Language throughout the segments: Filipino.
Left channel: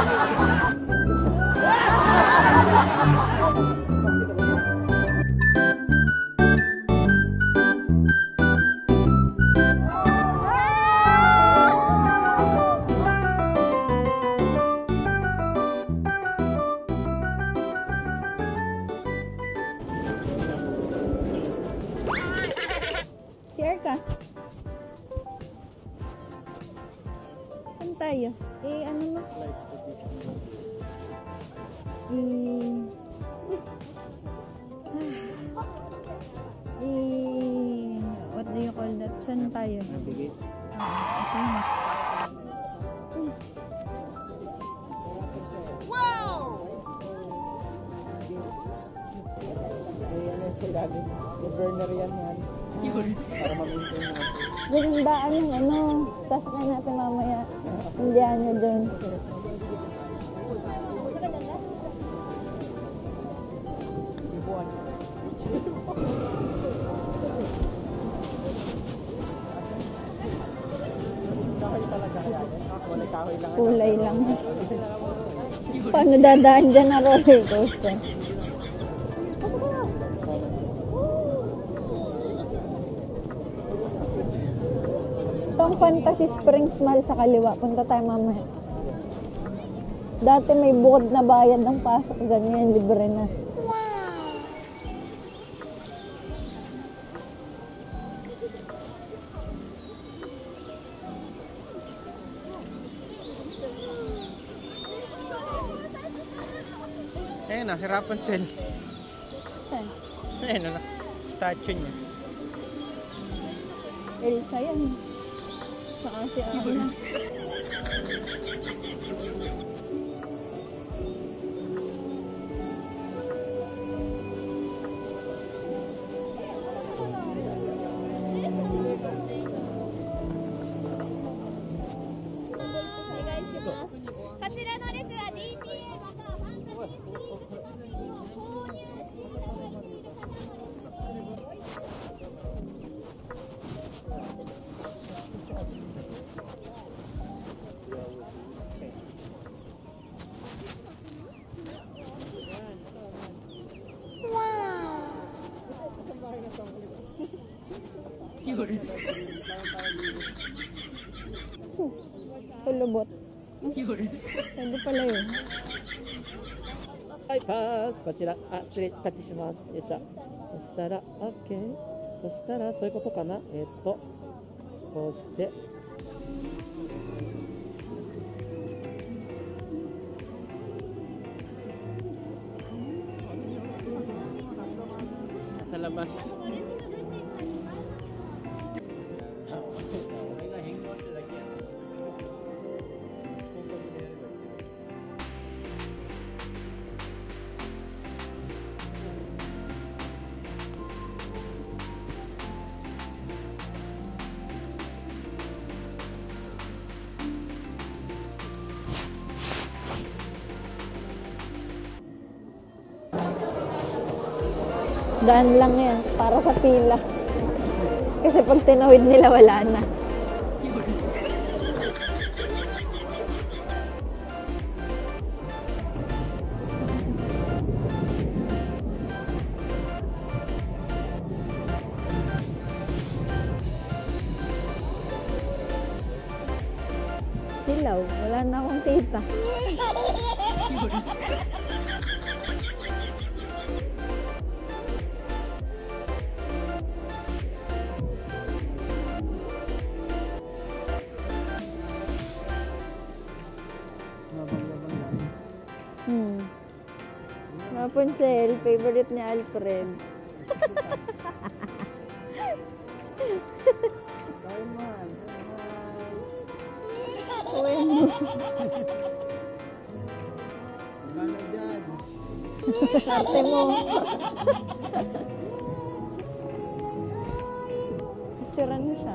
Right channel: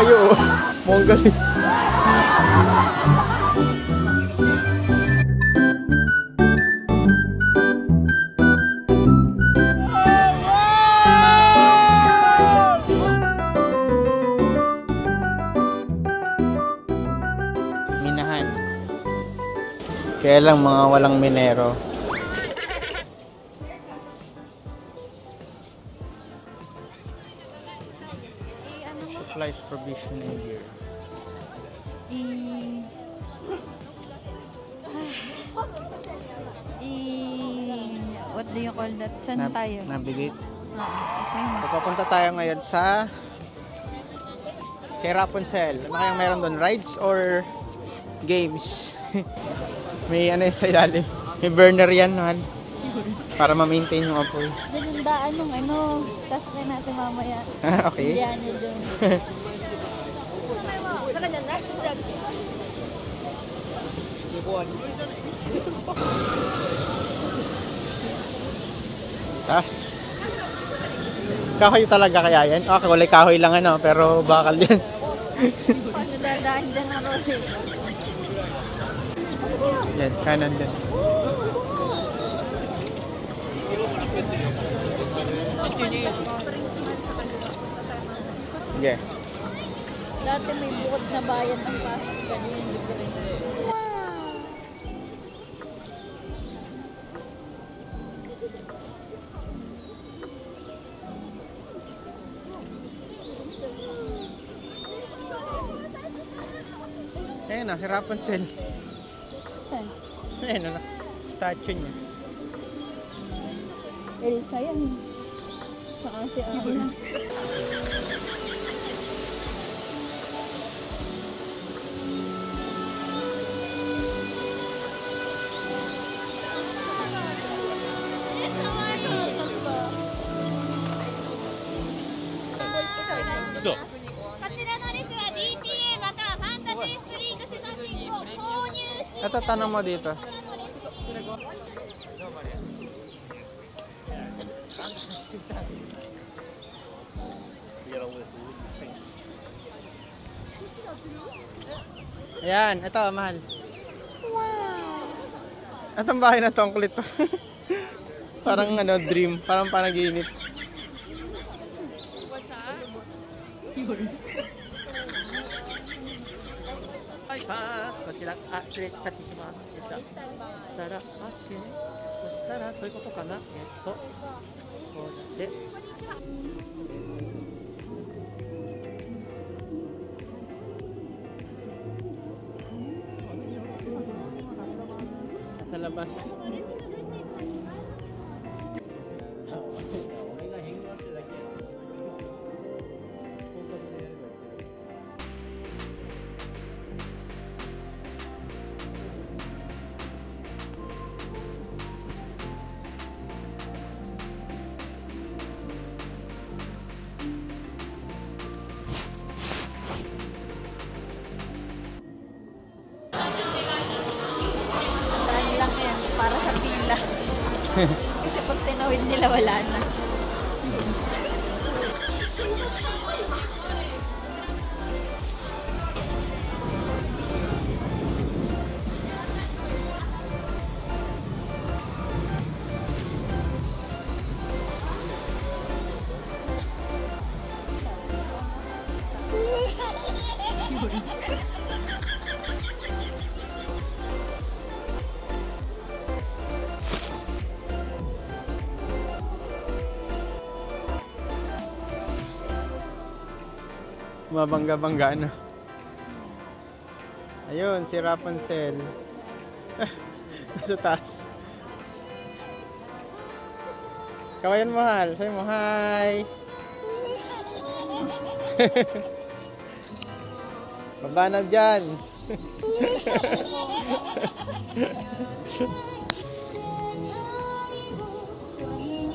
kabayo. Mongol. Minahan. Kaya lang mga walang minero. Share ka. Saan tayo? Ano mo? Supplies provisioning here. What do you call that? Saan tayo? Navigate. Okay. Papunta tayo ngayon sa kay Rapunzel. Ano kayang meron doon? Rides or games? May ano sa ilalim. May burner yan, man. Para ma-maintain yung apoy. Gandaan yung ano. Sasakay natin mamaya. Okay. Indian niya dun. Tas. Kahoy talaga kaya yan? Ah, kulay kahoy lang ano, pero bakal yan. Paano dadaan dyan na roller coaster? Yan, kanan din. Itong Fantasy Springs Mall sa kaliwa. Punta tayo mamaya. Okay. Dati may bukod na bayad ng pasok. Ganyan, libre na. Ayan na, si Rapunzel. Saan? Ayan na, statue niya. Elsa yan. Tsaka si Anna. Ito, tanong mo dito. Ayan, ito, mahal. Wow! Itong bahay na to, ang kulit to. Parang ano, dream. Parang panaginip. Kulubot. Hindi pala yun. はい、こちら、失礼いたします。よいしょ。そしたら、OK。そしたら、そういうことかな。こうして。Sa labas. Daan lang yan. Para sa pila. Kasi pag tinawid nila, wala na. Silaw. Wala na akong kita. Mabangga-bangga na. Ayun, si Rapunzel. Favorite ni Alfred. Sa taas. Kawayan mahal. Sabi mo, hi! Baba na dyan. Picture lang siya.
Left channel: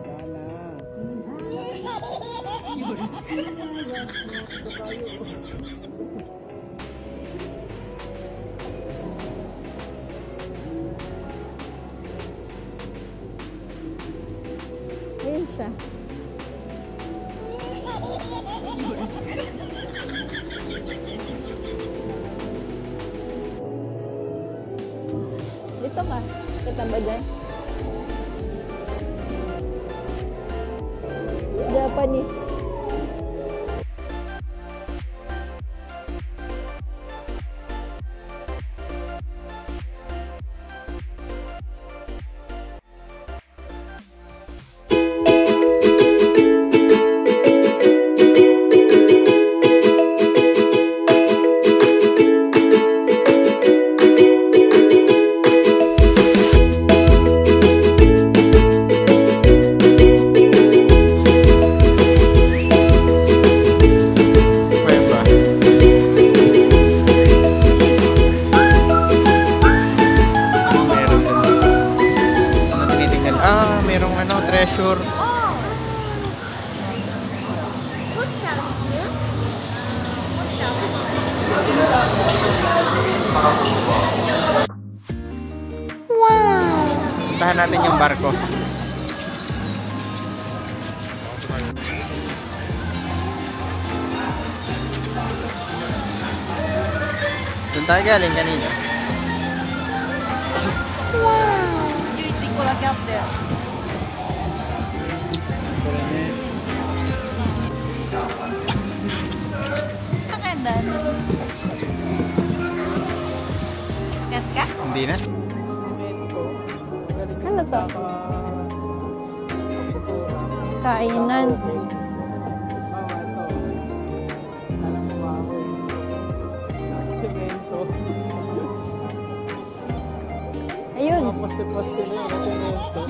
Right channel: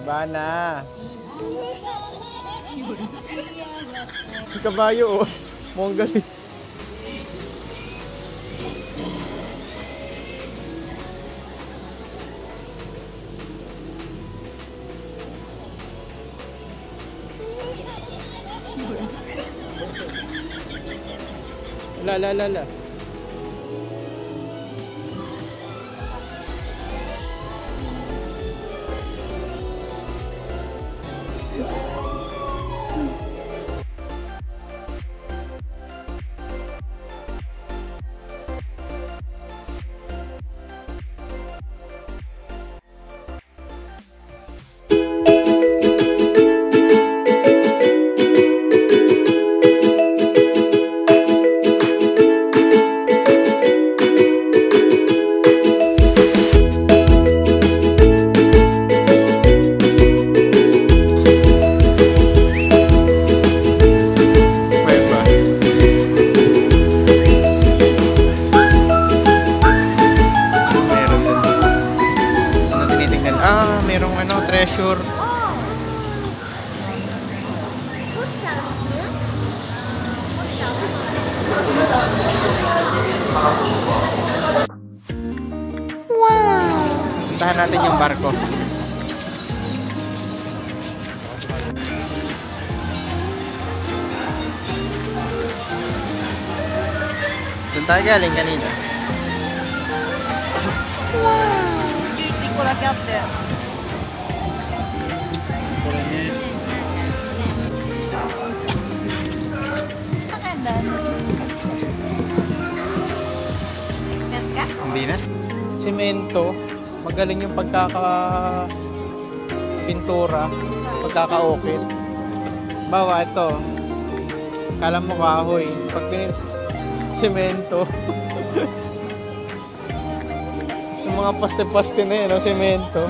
Baba na. Si kabayo, oh. Mongol. Ayun, La. Dito ka. Kita ba dyan? Japanese. Merong treasure. Wow! Puntahan natin yung barko. Doon tayo galing kanina. Hindi na. Semento. Magaling yung pagkaka-pintura. Pagkaka-ukit. Bawa ito. Kala mo kahoy. Pag semento. Mga paste-paste na yun. Semento.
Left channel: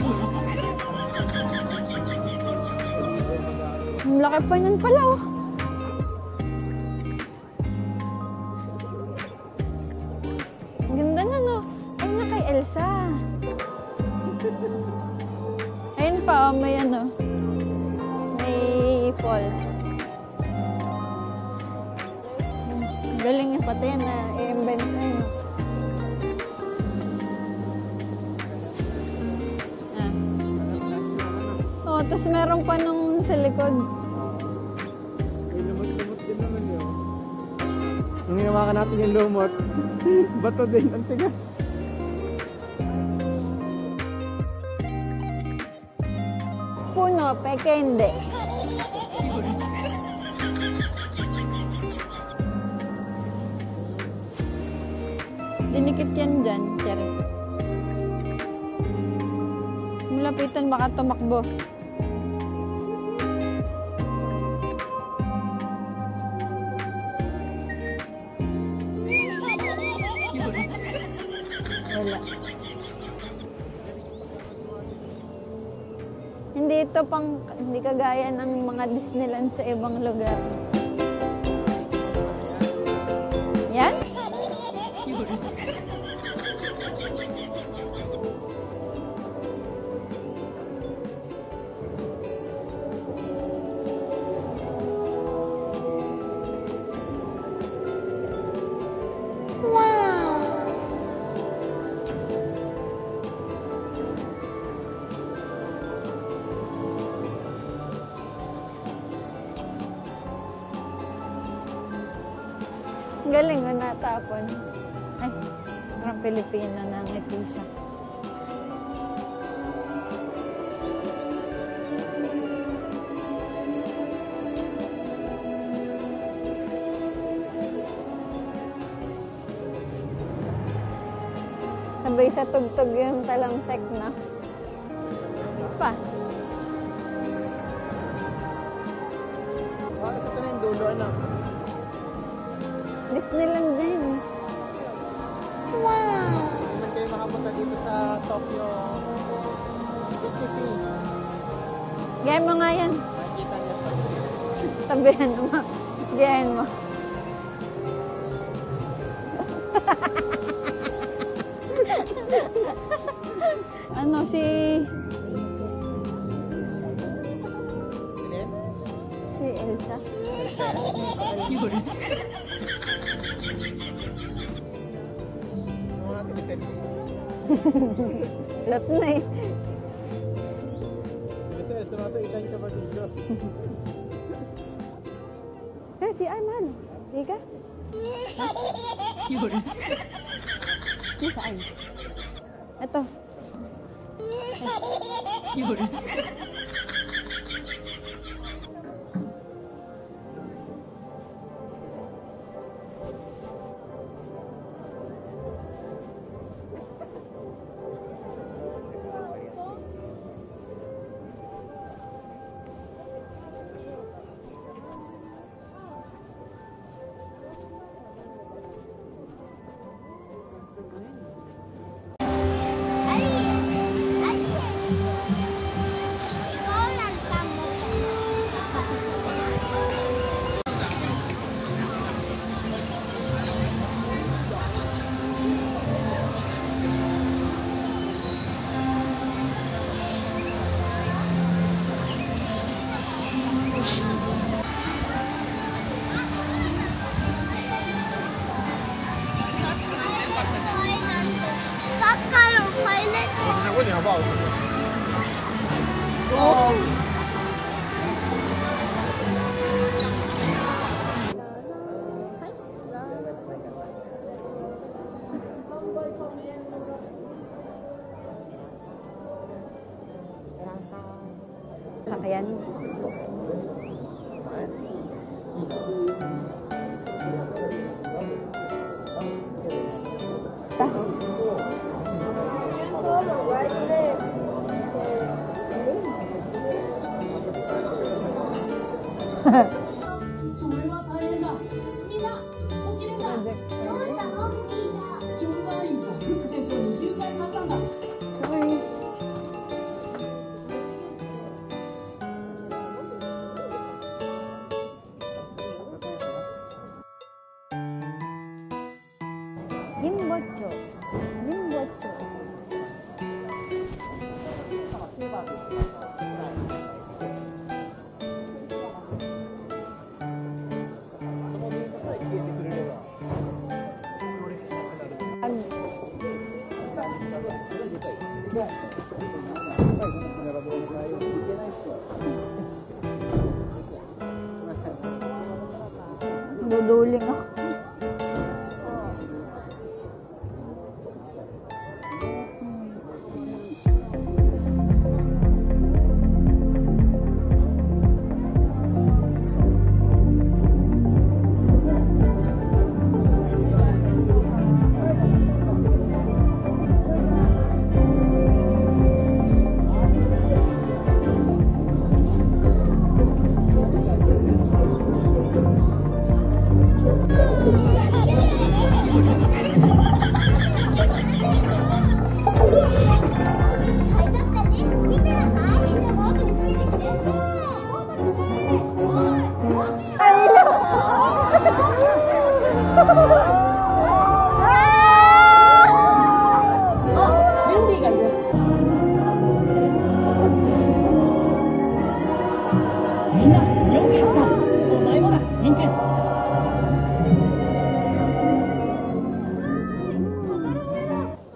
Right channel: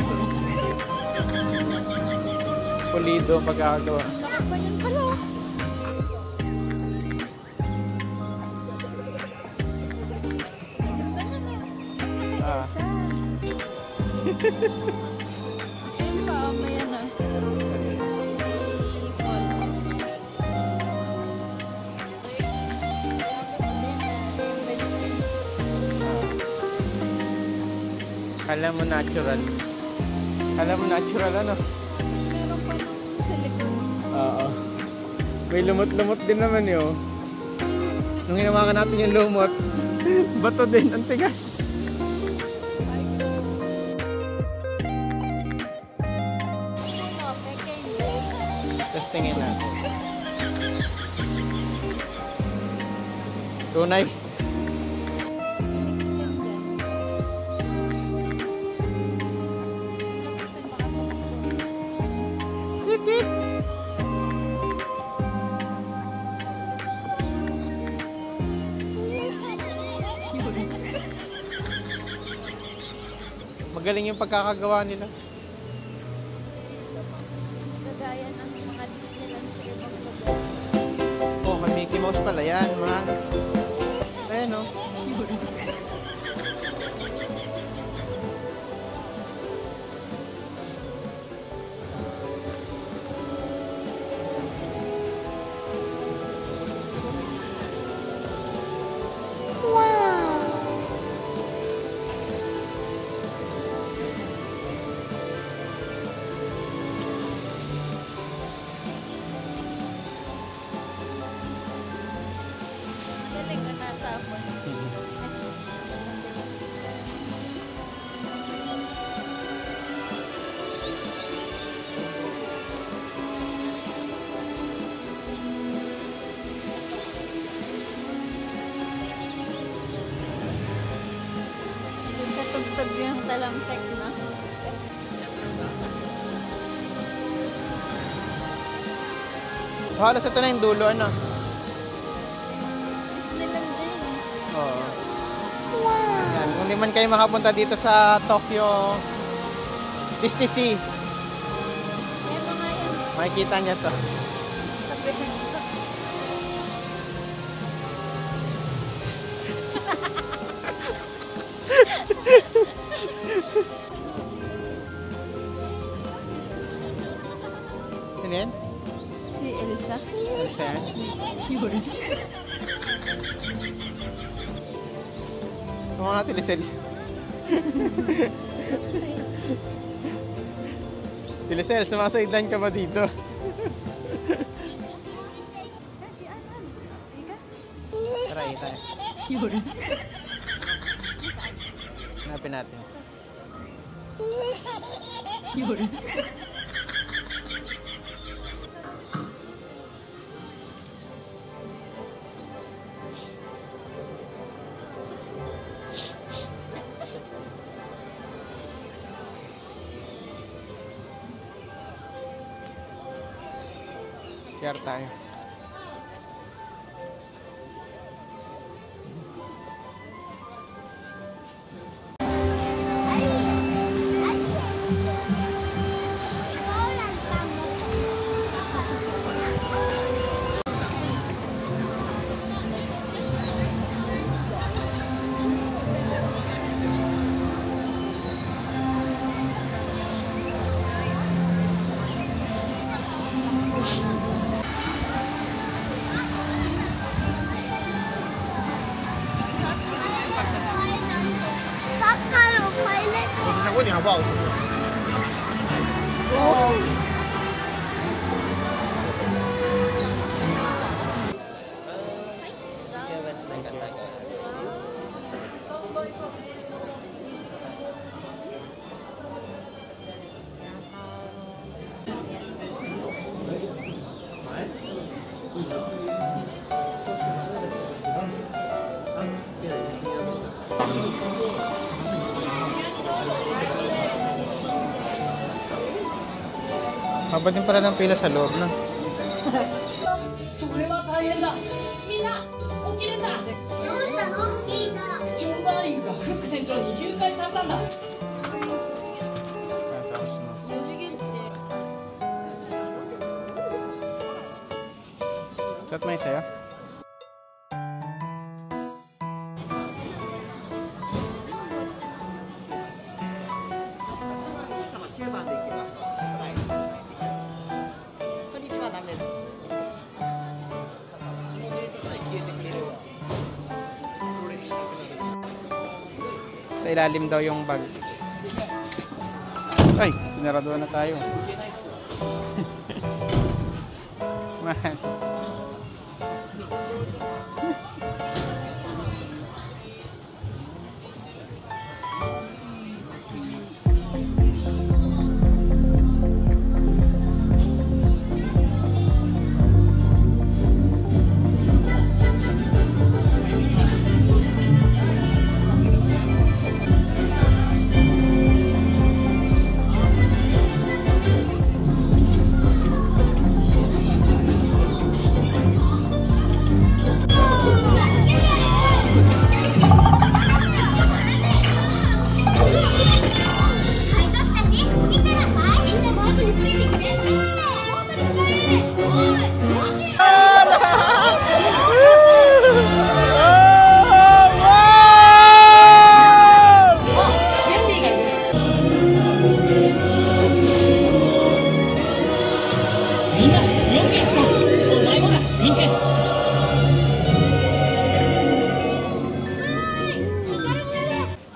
Pulido magagawa. Ang laki pa yun pala oh. Ayun pa, may may falls. Galing na pati na i-invent na yun. Kala mo natural. Kala mo natural Oo, tapos meron pa nung sa likod. Oo. May lumot-lumot din naman yun. Nung hinawakan natin yung lumot, bato din, ang tigas. Puno, peke hindi. Tapos tingin na. Tunay. Dinikit yan dyan. Lapitan baka tumakbo. Tit-tit. Magaling yung pagkakagawa nila. Hindi kagaya ng mga Disneyland sa ibang lugar. Oh, may Mickey Mouse pala yan. Yan? Ayan o. Galing na natapon. Ay, mga Pilipina na may puso. Sabay sa tugtog yung talamsek na. Pa. So halos ito na yung dulo, Disneyland din. Oo. Wow! Kung di man kayo makapunta dito sa Tokyo Disney Sea, Diyan mo nga yan. makikita niyo to. Sabihin mo. Diyan mo. Si... Ano yan? Si Elsa. Mukha natin ni Sel. Lot na eh. Sel, sumasaidan ka ba dito? Si ano? Ika? Tara. Hanapin natin. Ito. CR tayo. Ayan. Maba din pala ng pila sa loob na. それは大変だ。みんな起きるんだ。どうしたの？リーダー。ジョン・ダーリングがフック船長に誘拐されたんだ。 Chat mo yung sa'yo? Sa ilalim daw yung bag. Ay, sinarado na tayo. Mahal. Duduling ako.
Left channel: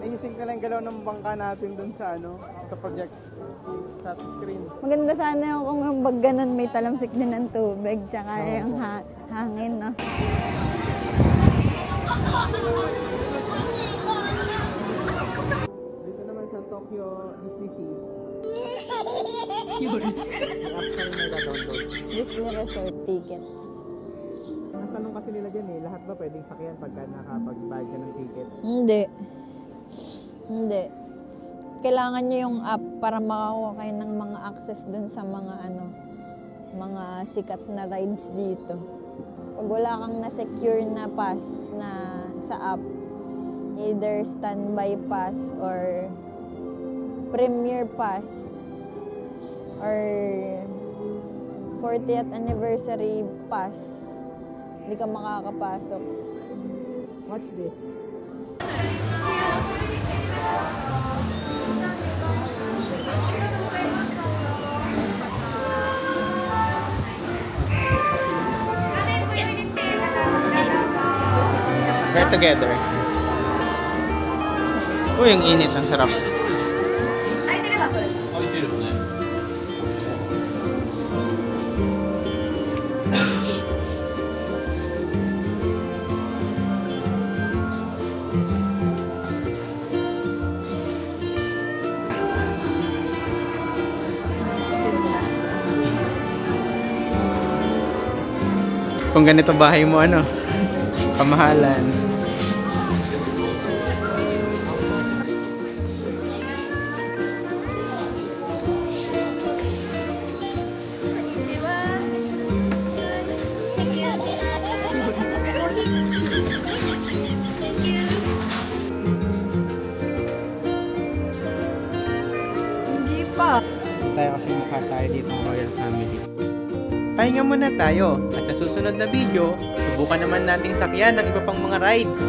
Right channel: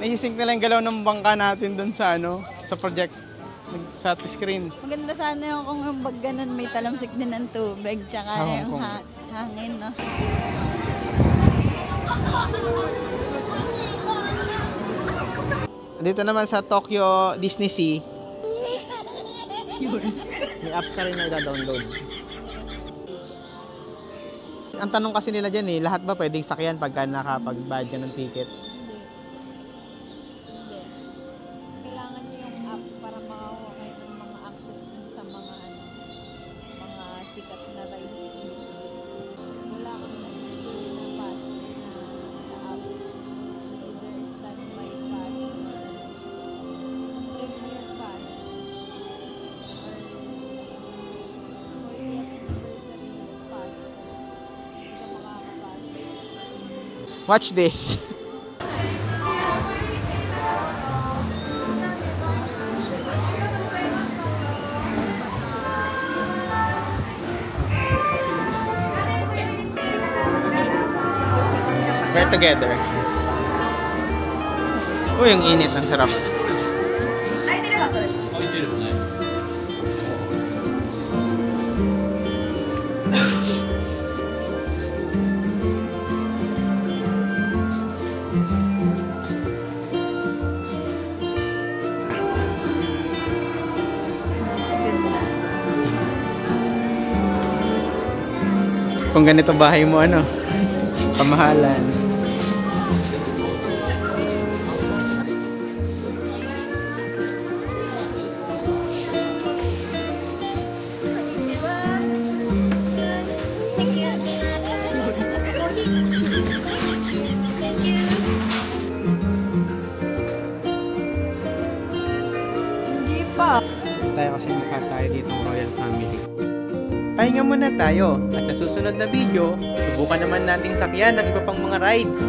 Naising nila yung galaw ng bangka natin doon sa sa project, sa screen. Maganda sana yung kung yung bag ganun may talamsik din ng tubig tsaka Sound yung ko. hangin, no? Dito naman sa Tokyo Disney Sea. May app ka rin na download. Disney Resort ticket. Ang tanong kasi nila dyan lahat ba pwedeng sakyan pagka nakapag-bayad ka ng ticket? Hindi. Hindi. Kailangan nyo yung app para makakuha kayo ng mga access dun sa mga mga sikat na rides dito. Pag wala kang na-secure na pass na sa app, either standby pass or premier pass or 40th anniversary pass, hindi ka makakapasok. Watch this. We're together. Uy, ang init. Ang sarap. Kung ganito bahay mo, ano? Kamahalan. Tayo kasi mukha tayo ditong royal family. Pahinga muna tayo at sa susunod na video, subukan naman nating sakyan ng iba pang mga rides.